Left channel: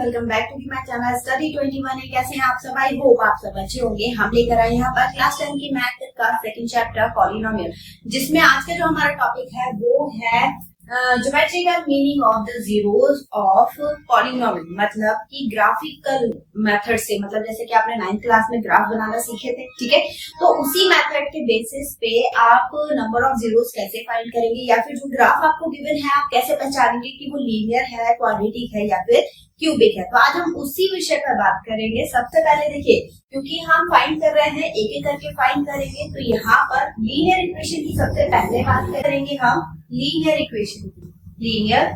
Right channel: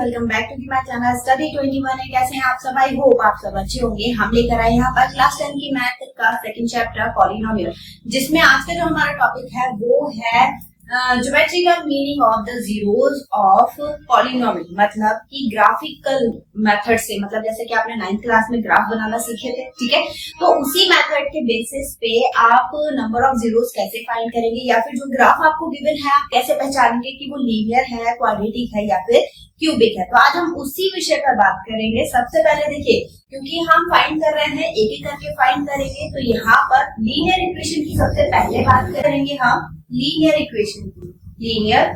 Welcome back to my channel study 21। कैसे हैं आप सब? आई होप आप सब अच्छे होंगे। हम लेकर आए यहाँ पर क्लास 10 की मैथ का सेकंड चैप्टर पॉलिनोमियल, जिसमें आज का जो हमारा टॉपिक है वो है geometrical meaning of the zeros of polynomial, मतलब कि ग्राफिकल मेथड से, मतलब जैसे कि आपने 9th क्लास में ग्राफ बनाना सीखे थे, ठीक है। तो उसी मेथड के बेसिस पे आप नंबर ऑफ जीरोस कैसे फाइंड करेंगे, या फिर जो ग्राफ आपको गिवन है आप कैसे पहचानेंगे कि वो लीनियर है, क्वाड्रेटिक है या फिर क्यूबिक है। तो आज हम उसी विषय पर बात करेंगे। सबसे पहले देखिए, क्योंकि हम फाइंड कर रहे हैं, एक एक करके फाइंड करेंगे, तो यहाँ पर लीनियर इक्वेशन की सबसे पहले बात करेंगे हम, लीनियर इक्वेशन की, लीनियर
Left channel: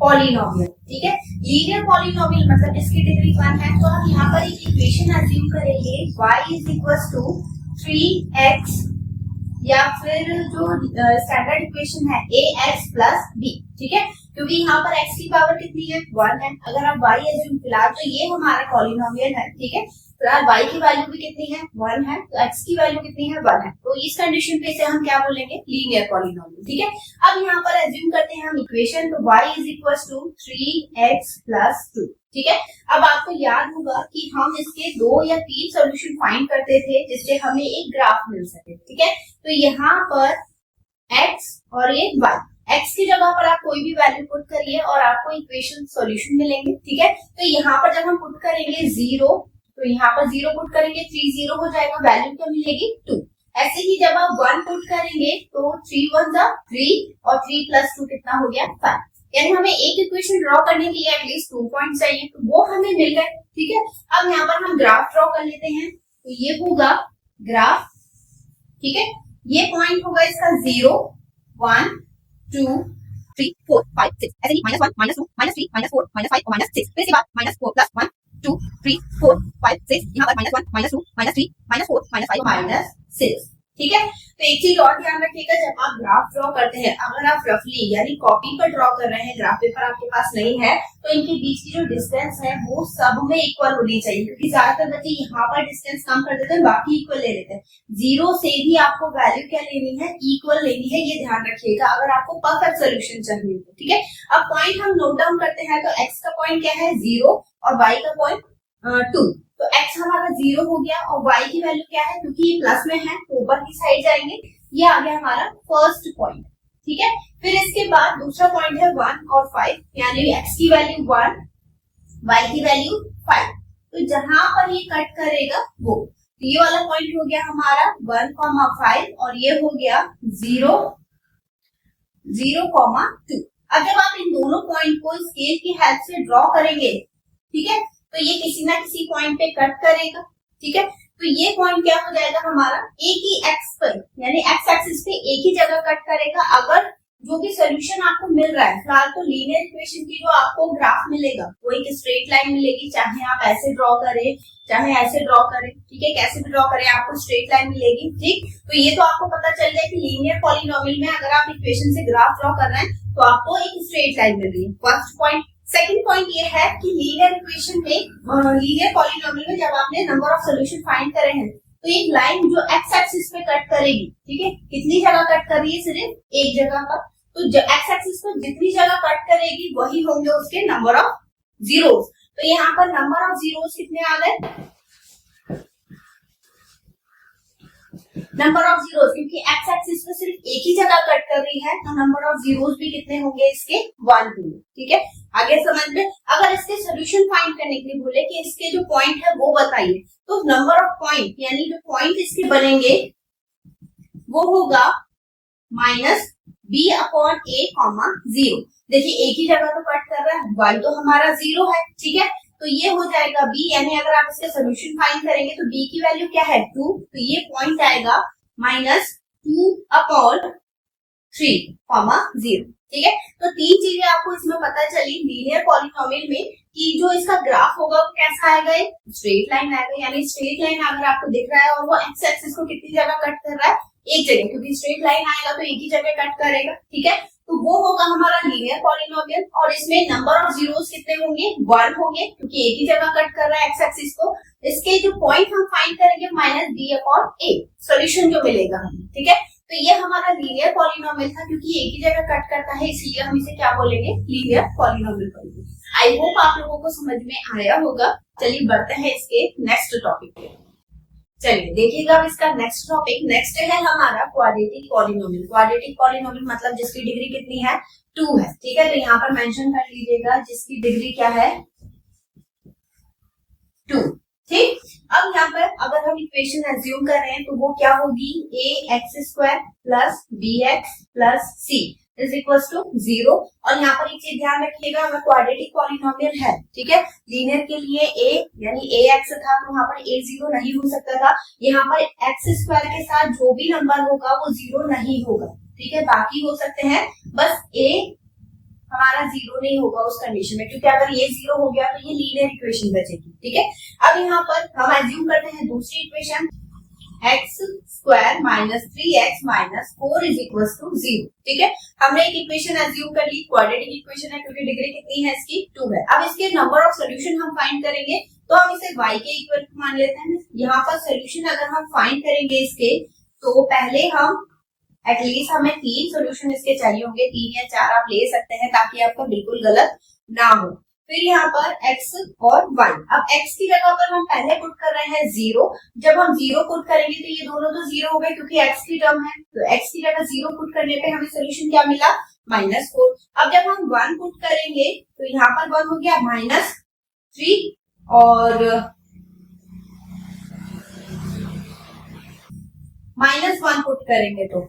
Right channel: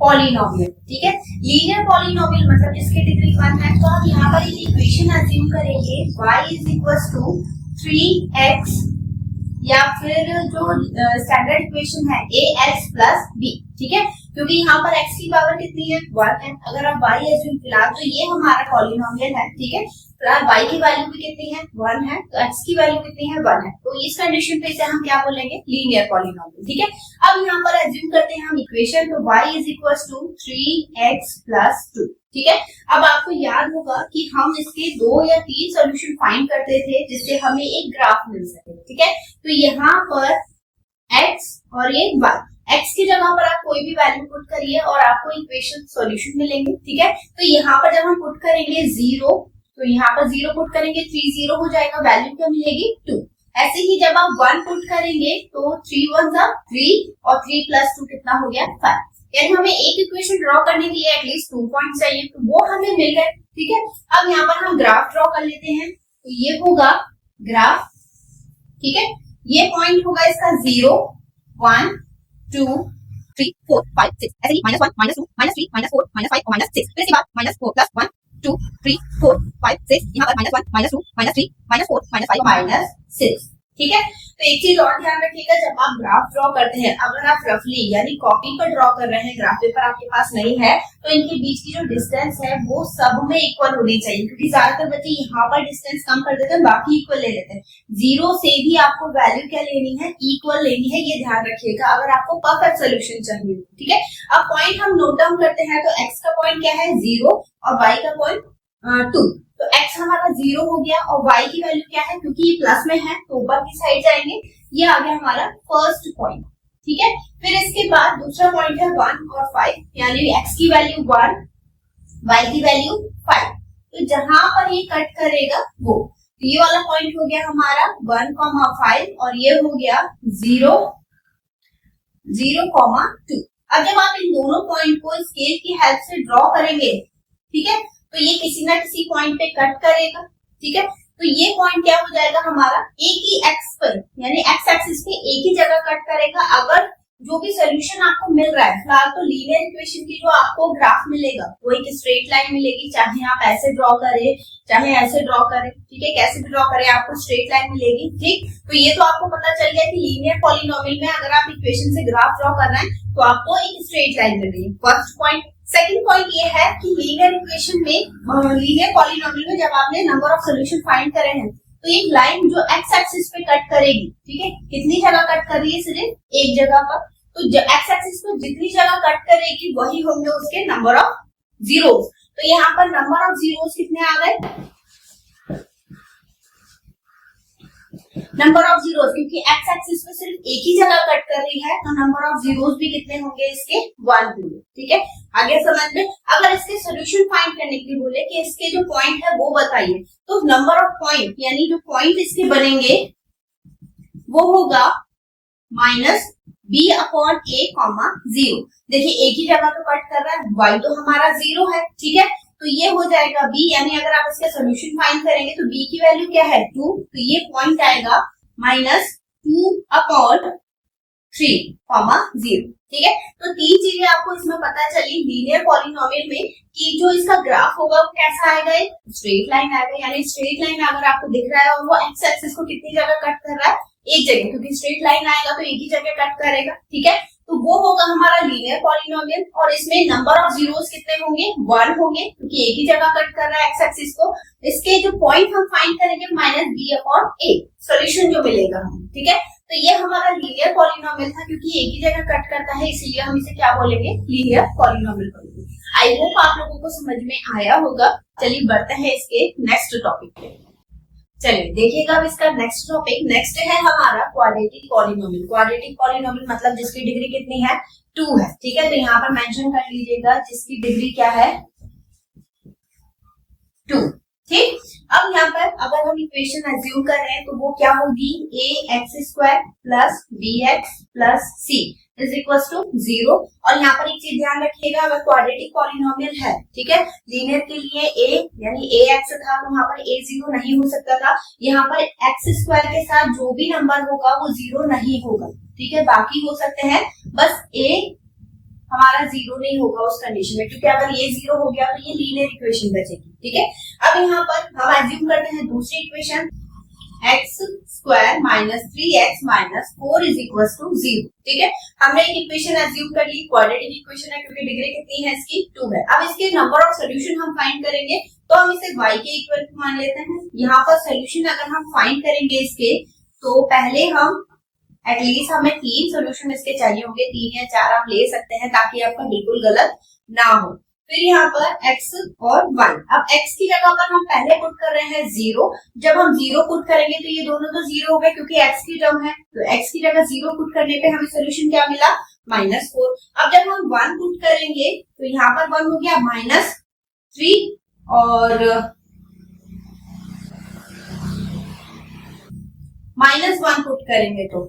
पॉलिनोमियल, ठीक है। लीनियर पॉलिनोमियल मतलब जिसकी डिग्री 1 है, तो आप यहाँ पर एक इक्वेशन अज्यूम करेंगे y is equal to 3x, या फिर जो स्टैंडर्ड इक्वेशन है ax प्लस b, ठीक है, क्योंकि यहाँ पर x की पावर कितनी है, 1 है। अगर आप y एज्यूम फिलहाल, तो ये हमारा पॉलिनोमियल है, ठीक है। फिलहाल y की वैल्यू भी कितनी है, 1 है, तो x की वैल्यू कितनी है, 1 है। तो इस कंडीशन पे इसे हम क्या बोलेंगे, लीनियर पॉलिनोमियल, ठीक है। अब यहाँ पर एज्यूम करते हैं हम इक्वेशन, तो y is equal to 3x plus 2, ठीक है। अब आपको याद होगा कि हम इसके 2 या 3 सॉल्यूशन फाइंड करते थे जिससे हमें एक ग्राफ मिल सके, ठीक है। तो यहाँ पर x और ये y, x की जगह पर आप कोई भी वैल्यू पुट करिए और आपको इक्वेशन सॉल्यूशन मिलेंगे, ठीक है। तो यहाँ पर जब हम पुट करेंगे 0, तो यहाँ पर 0 पुट करेंगे, 3 0 हो जाएगा, वैल्यू क्या मिलेगी, 2। ऐसे ही जब आप 1 पुट करेंगे तो 3 1 3 और 3 प्लस 2 कितना हो गया, 5। यानी हमें एक इक्वेशन ड्रॉ करने के लिए एटलीस्ट 2 पॉइंट चाहिए, तो वो हमें मिल गए, ठीक है। अब यहाँ पर हम ग्राफ ड्रॉ कर लेते हैं, तो ये होगा ग्राफ, ठीक है। ये पॉइंट होगा इसका 0 1 2 3 4 5 6, ऐसे ही -1 -2 -3 -4 -5 और -6, फिर इसके बाद -4 प्लस 1 2 3 4 5 6, यहाँ पर -1 -2 -3 -4 -5 -6, ठीक है। तो एक चीज और ध्यान रखिएगा, जब आप ग्राफ ड्रॉ करते हैं, अगर आप रफली यानी कॉपी पर ड्रॉ कर रहे हैं, ग्राफ पेपर आपके पास नहीं है, तो इनके बीच की जो डिस्टेंस है वो सब में इक्वल होनी चाहिए, क्योंकि ज्यादातर बच्चे यहाँ पर डिस्टेंस कम कर देते हैं, बाकी इक्वल ले लेते हैं। 0 से भी आपको वैल्यू क्या लेनी है, इक्वल लेनी है, ये ध्यान रखिएगा अगर आपको परफेक्ट सोल्यूशन चाहिए, ठीक है। अब पॉइंट हम नोट डाउन करते हैं, तो x का पॉइंट क्या है, 0, और y का पॉइंट 2। तो x हमारा 0 हो गया, और y की वैल्यू क्या है, क्योंकि ये प्लस में है तो ऊपर की साइड जाएंगे, ये आ गया हमारा फर्स्ट पॉइंट, ठीक है। फिर इसके बाद दूसरा पॉइंट है 1 और 5, यानी x की वैल्यू 1, y की वैल्यू 5। तो जहां पर ये कट करेगा वो, तो ये वाला पॉइंट हो गया हमारा 1,5, और ये हो गया 0 0,2। अब जब आप इन दोनों पॉइंट को स्केल की हेल्प से ड्रॉ करेंगे, ठीक है, तो ये किसी ना किसी पॉइंट पे कट करेगा, ठीक है। तो ये पॉइंट क्या हो जाएगा हमारा, एक ही एक्स पर, यानी एक्स एक्सिस पे एक ही जगह कट करेगा। अगर जो भी सोल्यूशन आपको मिल रहा है, फिलहाल तो लीनियर इक्वेशन की जो आपको ग्राफ मिलेगा वो एक स्ट्रेट लाइन मिलेगी, चाहे आप ऐसे ड्रॉ करें चाहे ऐसे ड्रॉ करें, ठीक है, कैसे भी ड्रॉ करें आपको स्ट्रेट लाइन मिलेगी, ठीक। तो ये तो आपको पता चल गया कि लीनियर पॉलिनोमियल में अगर आप इक्वेशन से ग्राफ ड्रॉ कर रहे हैं तो आपको एक स्ट्रेट लाइन मिल रही है, फर्स्ट पॉइंट। सेकंड पॉइंट ये है कि लीनियर इक्वेशन में, लीनियर पॉलिनोमियल में जब आपने नंबर ऑफ सॉल्यूशन फाइंड करे हैं, तो एक लाइन जो एक्स एक्सिस पे कट करेगी, ठीक है, कितनी जगह कट कर रही है, सिर्फ एक जगह पर। तो एक्स एक्सिस पर जितनी जगह कट करेगी वही होंगे उसके नंबर ऑफ जीरोस। तो यहाँ पर नंबर ऑफ जीरोस कितने आ गए, नंबर ऑफ जीरोस, क्योंकि एक्स एक्सिस पे सिर्फ एक ही जगह कट कर रही है, तो नंबर ऑफ जीरोस भी कितने होंगे इसके, 1 होंगे, ठीक है। आगे समझ में, अगर इसके सॉल्यूशन फाइंड करने के लिए बोले कि इसके जो पॉइंट है वो बताइए, तो नंबर ऑफ पॉइंट यानी जो पॉइंट इसके बनेंगे वो होगा -b/a, 0। देखिए एक ही जगह तो कट कर रहा है, y तो हमारा 0 है, ठीक है, तो ये हो जाएगा b, यानी अगर आप इसका सोल्यूशन फाइंड करेंगे तो b की वैल्यू क्या है, 2, तो ये पॉइंट आएगा -2/3, 0, ठीक है। तो 3 चीजें आपको इसमें पता चली लीनियर पॉलिनोमियल में, कि जो इसका ग्राफ होगा वो कैसा आएगा, एक स्ट्रेट लाइन आएगा, यानी स्ट्रेट लाइन अगर आपको दिख रहा है और वो एक्स एक्सिस को कितनी जगह कट कर रहा है, एक जगह, क्योंकि स्ट्रेट लाइन आएगा तो एक ही जगह कट करेगा, ठीक है। तो वो होगा हमारा लीनियर पॉलिनोमियल, और इसमें नंबर ऑफ जीरोस कितने होंगे, 1 होंगे, क्योंकि एक ही जगह कट कर रहा है एक्स एक्सिस को। इसके जो पॉइंट हम फाइंड करेंगे -b/a, सॉल्यूशन जो मिलेगा, ठीक है। तो ये हमारा लीनियर पॉलिनोमियल था, क्योंकि एक ही जगह कट करता है इसलिए हम इसे क्या बोलेंगे, लीनियर पॉलिनोमियल बोलेंगे। आई होप आप लोगों को समझ में आया होगा। चलिए बढ़ते हैं इसके नेक्स्ट टॉपिक पे। चलिए देखिएगा अब इसका नेक्स्ट टॉपिक। नेक्स्ट है हमारा क्वाड्रेटिक पॉलिनोमियल। क्वाड्रेटिक पॉलिनोमियल मतलब जिसकी डिग्री कितनी है, 2 है। ठीक है, तो यहाँ पर मेंशन कर लीजिएगा जिसकी डिग्री क्या है, 2। ठीक, अब यहाँ पर अगर हम इक्वेशन एज्यूम कर रहे हैं तो वो क्या होगी, a x square plus B X plus C is equal to 0। और यहाँ पर एक चीज ध्यान रखिएगा, अगर क्वाड्रेटिक पॉलिनोमियल है, ठीक है, लीनियर के लिए a यानी ax था तो वहां पर a 0 नहीं हो सकता था। यहाँ पर x स्क्वायर के साथ जो भी नंबर होगा वो 0 नहीं होगा। ठीक है, बाकी हो सकते हैं, बस a हमारा 0 नहीं होगा उस कंडीशन में, क्योंकि अगर ये 0 हो गया तो ये लीनियर इक्वेशन बचेगी। ठीक है, अब यहाँ पर हम एज्यूम करते हैं दूसरी equation, x square minus 3x minus 4 is equal to 0। ठीक है, हमने एक इक्वेशन एज्यूम कर ली, क्वाड्रेटिक इक्वेशन है क्योंकि डिग्री कितनी है इसकी, 2 है। अब इसके नंबर ऑफ सोल्यूशन हम फाइंड करेंगे, तो हम इसे y के इक्वल टू मान लेते हैं। यहाँ पर सोल्यूशन अगर हम फाइंड करेंगे इसके, तो पहले हम एटलीस्ट हमें 3 सोल्यूशन इसके चाहिए होंगे, 3 या 4 आप ले सकते हैं ताकि आपका बिल्कुल गलत ना हो। फिर यहाँ पर x और y, अब x की जगह पर हम पहले पुट कर रहे हैं 0। जब हम 0 पुट करेंगे तो ये दोनों तो 0 हो गए क्योंकि x की टर्म है, तो x की जगह 0 पुट करने पे हमें सोल्यूशन क्या मिला, -4। अब जब हम 1 पुट करेंगे तो यहाँ पर 1 हो गया -3, और -1 पुट करेंगे तो,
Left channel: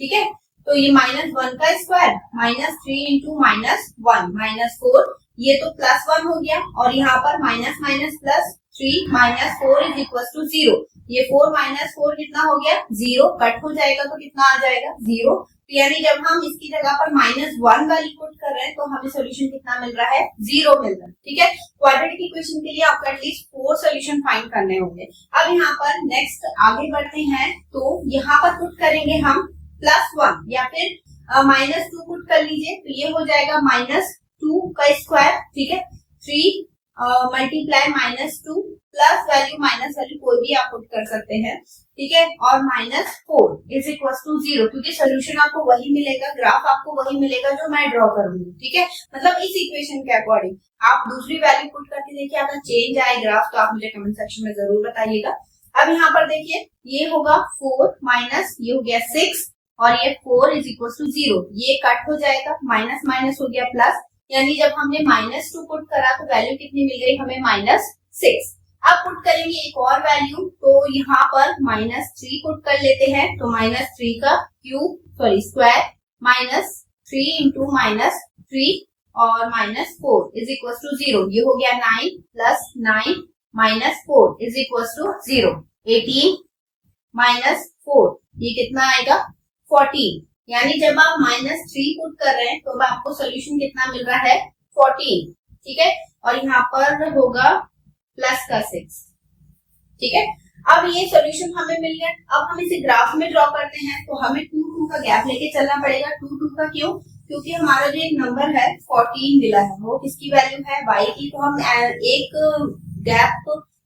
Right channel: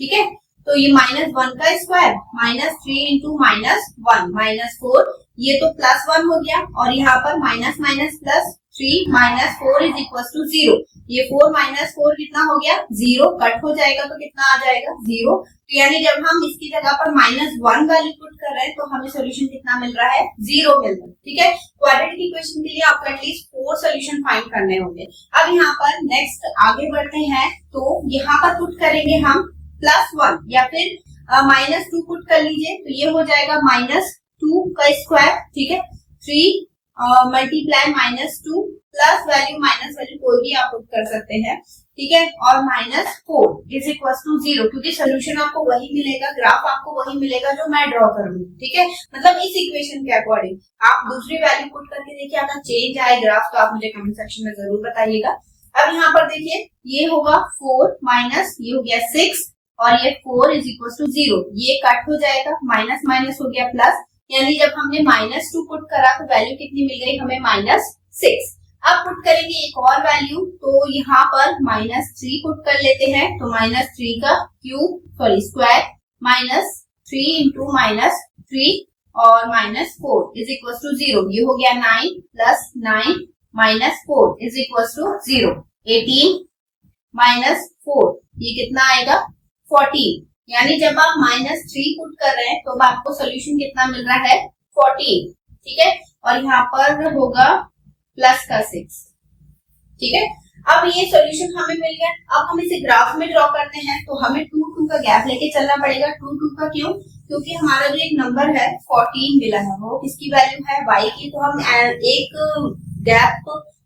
ठीक है, तो ये -1 का स्क्वायर -3 इंटू -1 -4, ये तो +1 हो गया, और यहाँ पर minus minus +3 -4 is equal to 0। ये 4 - 4 कितना हो गया, 0, कट हो जाएगा तो कितना आ जाएगा, 0। तो यानी जब हम इसकी जगह पर -1 वैल्यू पुट कर रहे हैं तो हमें सोल्यूशन कितना मिल रहा है, 0 मिल रहा है। ठीक है, क्वाड्रेटिक इक्वेशन के लिए आपको एटलीस्ट 4 सोल्यूशन फाइंड करने होंगे। अब यहाँ पर नेक्स्ट आगे बढ़ते हैं, तो यहाँ पर पुट करेंगे हम +1 या फिर -2 पुट कर लीजिए, तो ये हो जाएगा -2 का स्क्वायर। ठीक है, 3 multiply -2 plus value minus value कोई भी आप पुट कर सकते हैं। ठीक है, और -4 इज इक्वल टू 0, क्योंकि सोल्यूशन आपको वही मिलेगा, ग्राफ आपको वही मिलेगा जो मैं ड्रॉ करूंगी। ठीक है, मतलब इस इक्वेशन के अकॉर्डिंग आप दूसरी वैल्यू पुट करके देखिए, अगर चेंज आए ग्राफ तो आप मुझे कमेंट सेक्शन में जरूर बताइएगा। अब यहाँ पर देखिए, ये होगा 4 माइनस ये हो गया 6, और ये 4 इज इक्वल टू 0, ये कट हो जाएगा, माइनस माइनस हो गया प्लस, यानी जब हमने -2 पुट करा तो वैल्यू कितनी मिल गई हमें, -6। अब पुट करेंगे एक और वैल्यू, तो यहाँ पर -3 पुट कर लेते हैं, तो -3 का स्क्वायर -3 इंटू -3 और -4 इज इक्वल टू 0, ये हो गया 9 प्लस 9 -4 इज इक्वल टू 0, 18 -4 ये कितना आएगा, 14। यानी जब आप -3 पुट कर रहे हैं तो आपको सोल्यूशन कितना मिल रहा है, 14। ठीक है, और यहाँ पर होगा प्लस का 6। ठीक है, अब ये सोल्यूशन हमें मिल गया। अब हम इसे ग्राफ में ड्रॉ करते हैं, तो हमें 2 का गैप लेके चलना पड़ेगा। 2 का क्यों, क्योंकि हमारा जो एक नंबर है 14 मिला है, वो किसकी वैल्यू है, y की, तो हम एक गैप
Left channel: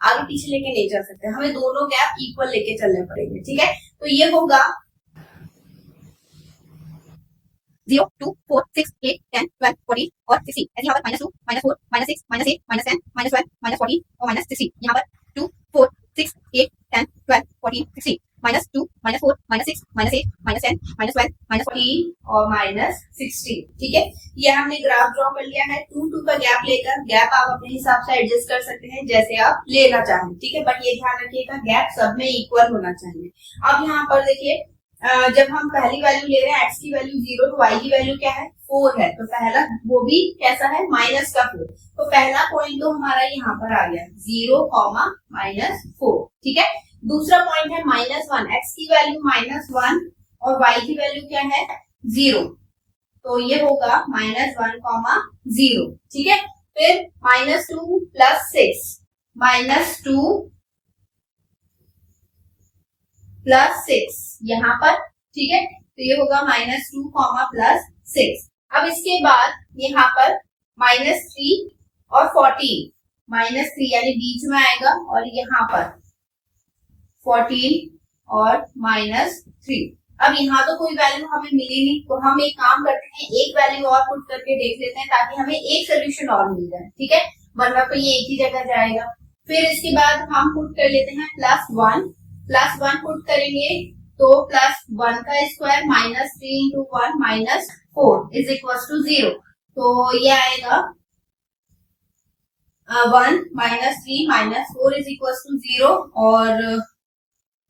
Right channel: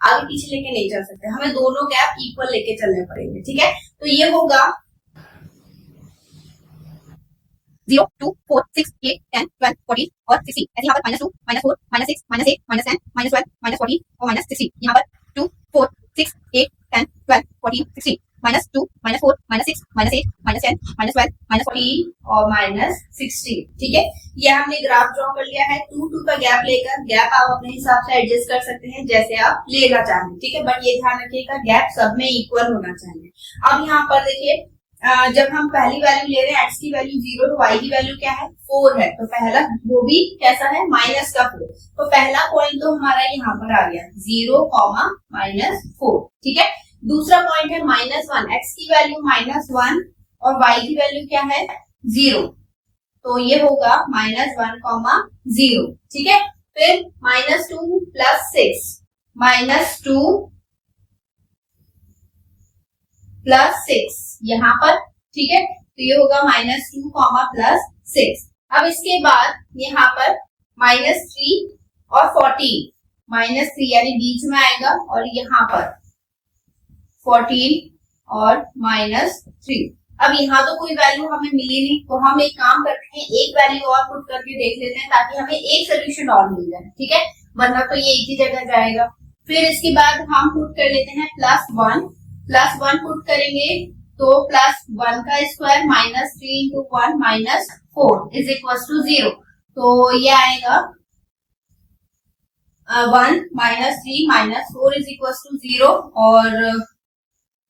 आगे पीछे लेके नहीं चल सकते, हमें दोनों गैप इक्वल लेके चलने पड़ेंगे। ठीक है, तो ये होगा 0, 2, 4, 6, 8, 10, 12, 14 और 16। ऐसे यहाँ पर -2, -4, -6, -8, -10, -12, -14 और -16। यहाँ पर 2, 4, 6, 8, 10, 12, 14, 16, -2, -4, -6, -8, -10, -12, -14 और -16। ठीक है, ये हमने ग्राफ ड्रॉ कर लिया है 2 का गैप लेकर। गैप आप अपने हिसाब से एडजस्ट कर सकते हैं जैसे आप लेना चाहें। ठीक है, बट ये ध्यान रखिएगा गैप सब में इक्वल होना चाहिए। अब यहाँ पर देखिए, जब हम पहली वैल्यू ले रहे हैं x की वैल्यू 0, तो y की वैल्यू क्या है, 4 है, तो पहला वो भी कैसा है, -4। तो पहला पॉइंट तो हमारा यहाँ पर आ गया 0, -4। ठीक है, दूसरा पॉइंट है -1, x की वैल्यू -1 और y की वैल्यू क्या है, 0, तो ये होगा -1, 0। ठीक है, फिर -2 प्लस 6, -2 प्लस 6 यहाँ पर। ठीक है, तो ये होगा -2 प्लस 6। अब इसके बाद यहाँ पर -3 और 14, -3 यानी बीच में आएगा, और यहाँ पर 14 और -3। अब यहाँ तो कोई वैल्यू हमें मिली नहीं, तो हम एक काम करते हैं, एक वैल्यू और पुट करके देख लेते हैं ताकि हमें एक सोल्यूशन और मिल जाए, ठीक है, वरना तो ये एक ही जगह जाएगा। फिर इसके बाद हम पुट कर लेते हैं +1 पुट करेंगे तो +1 का square -3 into 1 -4 is equal to 0। तो ये आएगा 1 -3 -4 इज इक्वल टू 0 और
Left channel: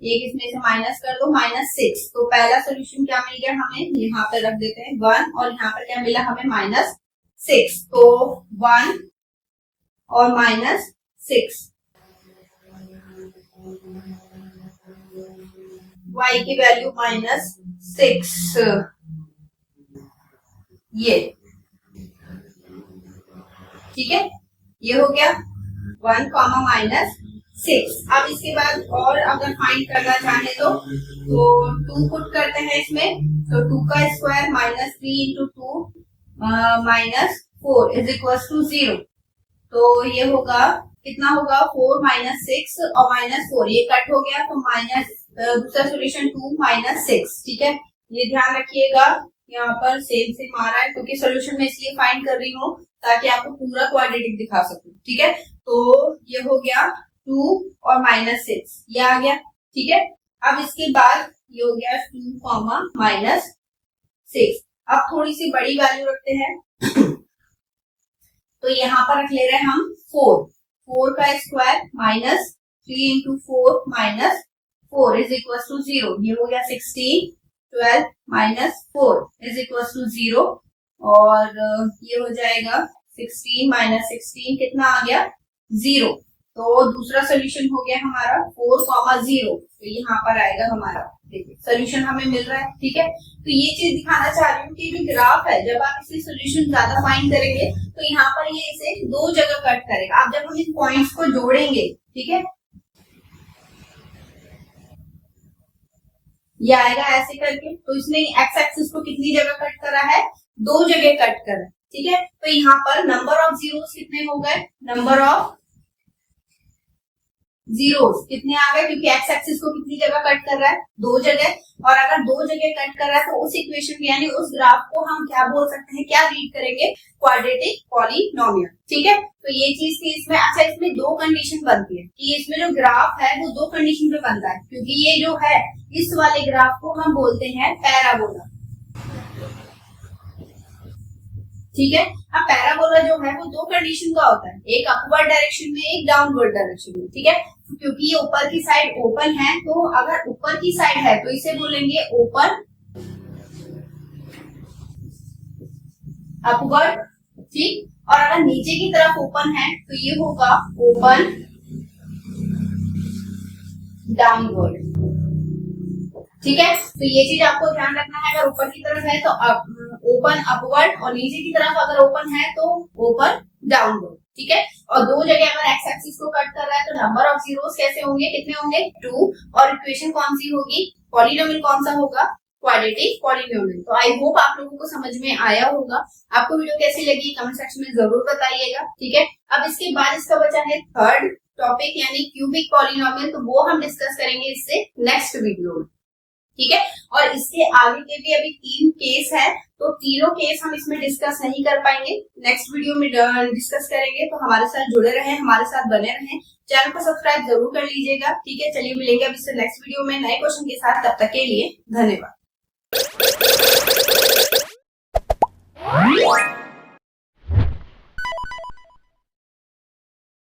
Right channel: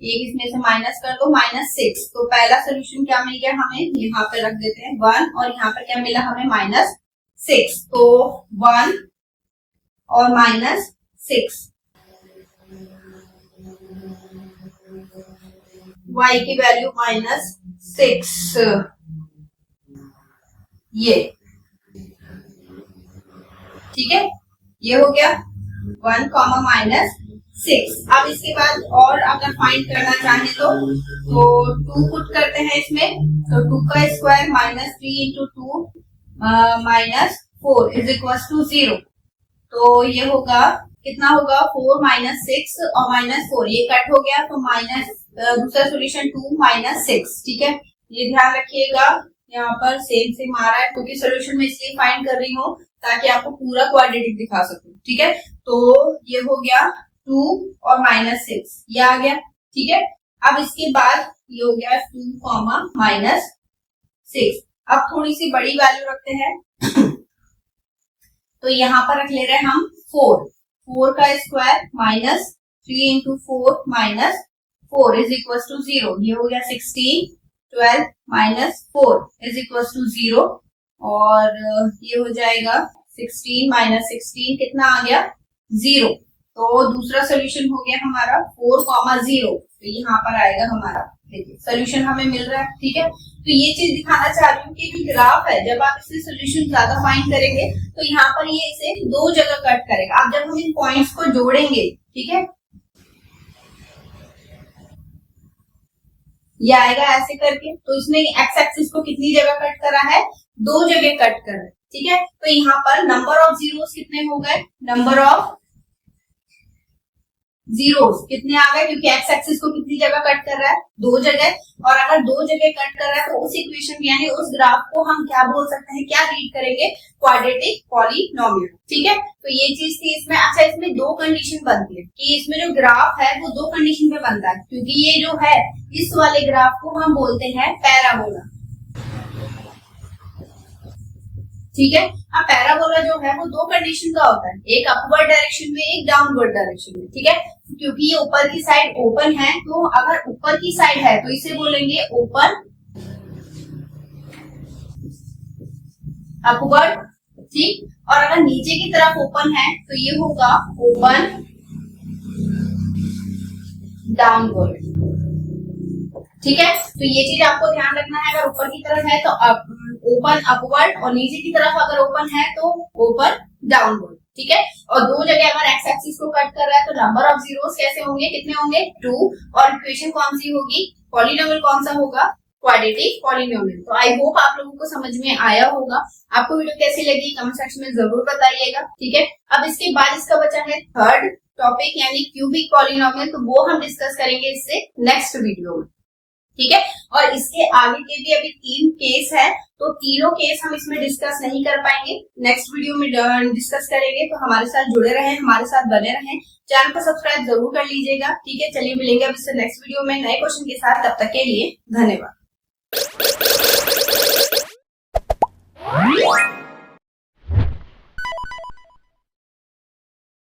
एक इसमें से माइनस कर दो -6। तो पहला सोल्यूशन क्या मिल गया हमें, यहाँ पे रख देते हैं 1 और यहाँ पर क्या मिला हमें -6। तो 1 और -6 y की वैल्यू -6 ये, ठीक है, ये हो गया 1 -6। अब इसके बाद और अगर फाइंड करना चाहे तो 2 पुट करते हैं इसमें, तो 2 का square -3 into 2 -4 is equal to 0। तो ये होगा कितना होगा 4 -6 और -4 ये कट हो गया, तो दूसरा सोल्यूशन 2 -6, ठीक है। ये ध्यान रखिएगा यहाँ पर सेम आ रहा है क्योंकि सोल्यूशन में इसलिए फाइंड कर रही हूँ ताकि आपको पूरा क्वाड्रेटिक दिखा सकूं, ठीक है। तो ये हो गया 2 और -6 ये आ गया, ठीक है। अब इसके बाद ये हो गया 2 -6। अब थोड़ी सी बड़ी वैल्यू रखते हैं तो यहाँ पर रख ले रहे हैं हम 4 का square -3 into 4 -4 is equal to 0। ये हो गया 16 12 -4 इज इक्वल टू 0 और ये हो जाएगा 16 -16 कितना आ गया 0। तो दूसरा सोल्यूशन हो गया हमारा 4, 0। तो यहाँ पर आएगा हमारा, देखिए सोल्यूशन हमें मिल रहा है, ठीक है। तो ये चीज दिखाना चाह रही हूँ कि जो ग्राफ है जब आप इससे सोल्यूशन ज्यादा फाइंड करेंगे तो यहाँ पर ये इसे 2 जगह कट करेगा। अब जब हम इन पॉइंट्स को जोड़ेंगे, ठीक है, ये आएगा ऐसे करके, तो इसने एक्स एक्सिस को कितनी जगह कट करा है, 2 जगह कट करा है, ठीक है। तो यहाँ पर नंबर ऑफ जीरोस कितने हो गए, नंबर ऑफ जीरोस कितने आ गए, क्योंकि एक्स एक्सिस को कितनी जगह कट कर रहा है, 2 जगह। और अगर 2 जगह कट कर रहा है तो उस इक्वेशन यानी उस ग्राफ को हम क्या बोल सकते हैं, क्या रीड करेंगे, क्वाड्रेटिक पॉलिनोमियल, ठीक है। तो ये चीज थी इसमें। अच्छा, इसमें 2 कंडीशन बनती है कि इसमें जो ग्राफ है वो 2 कंडीशन पे बनता है, क्योंकि ये जो है इस वाले ग्राफ को हम बोलते हैं पैराबोला, ठीक है। अब पैराबोला जो है वो 2 कंडीशन का होता है, एक अपवर्ड डायरेक्शन में, एक डाउनवर्ड डायरेक्शन में, ठीक है। क्योंकि ये ऊपर की साइड ओपन है, तो अगर ऊपर की साइड है तो इसे बोलेंगे ओपन अपवर्ड, ठीक। और अगर नीचे की तरफ ओपन है तो ये होगा ओपन डाउनवर्ड, ठीक है। तो ये चीज आपको ध्यान रखना है, अगर ऊपर की तरफ है तो ओपन अपवर्ड और नीचे की तरफ अगर ओपन है तो ओपन डाउनवर्ड, ठीक है। और 2 जगह अगर एक्स एक्सिस को कट कर रहा है तो नंबर ऑफ जीरोस कैसे होंगे, कितने होंगे, 2। और इक्वेशन कौन सी होगी, पॉलिनोमियल कौन सा होगा, क्वाड्रेटिक पॉलिनोमियल। तो आई होप आप लोगों को समझ में आया होगा। आपको वीडियो कैसी लगी कमेंट सेक्शन में जरूर बताइएगा, ठीक है। अब इसके बाद इसका बचा है थर्ड टॉपिक यानी क्यूबिक पॉलिनोमियल, तो वो हम डिस्कस करेंगे इससे नेक्स्ट वीडियो में, ठीक है। और इसके आगे के भी अभी 3 केस है, तो तीनों केस हम इसमें डिस्कस नहीं कर पाएंगे, नेक्स्ट वीडियो में डिस्कस करेंगे। तो हमारे साथ जुड़े रहें, हमारे साथ बने रहें, चैनल को सब्सक्राइब जरूर कर लीजिएगा, ठीक है। चलिए मिलेंगे अब इससे नेक्स्ट वीडियो में नए क्वेश्चन के साथ, तब तक के लिए धन्यवाद।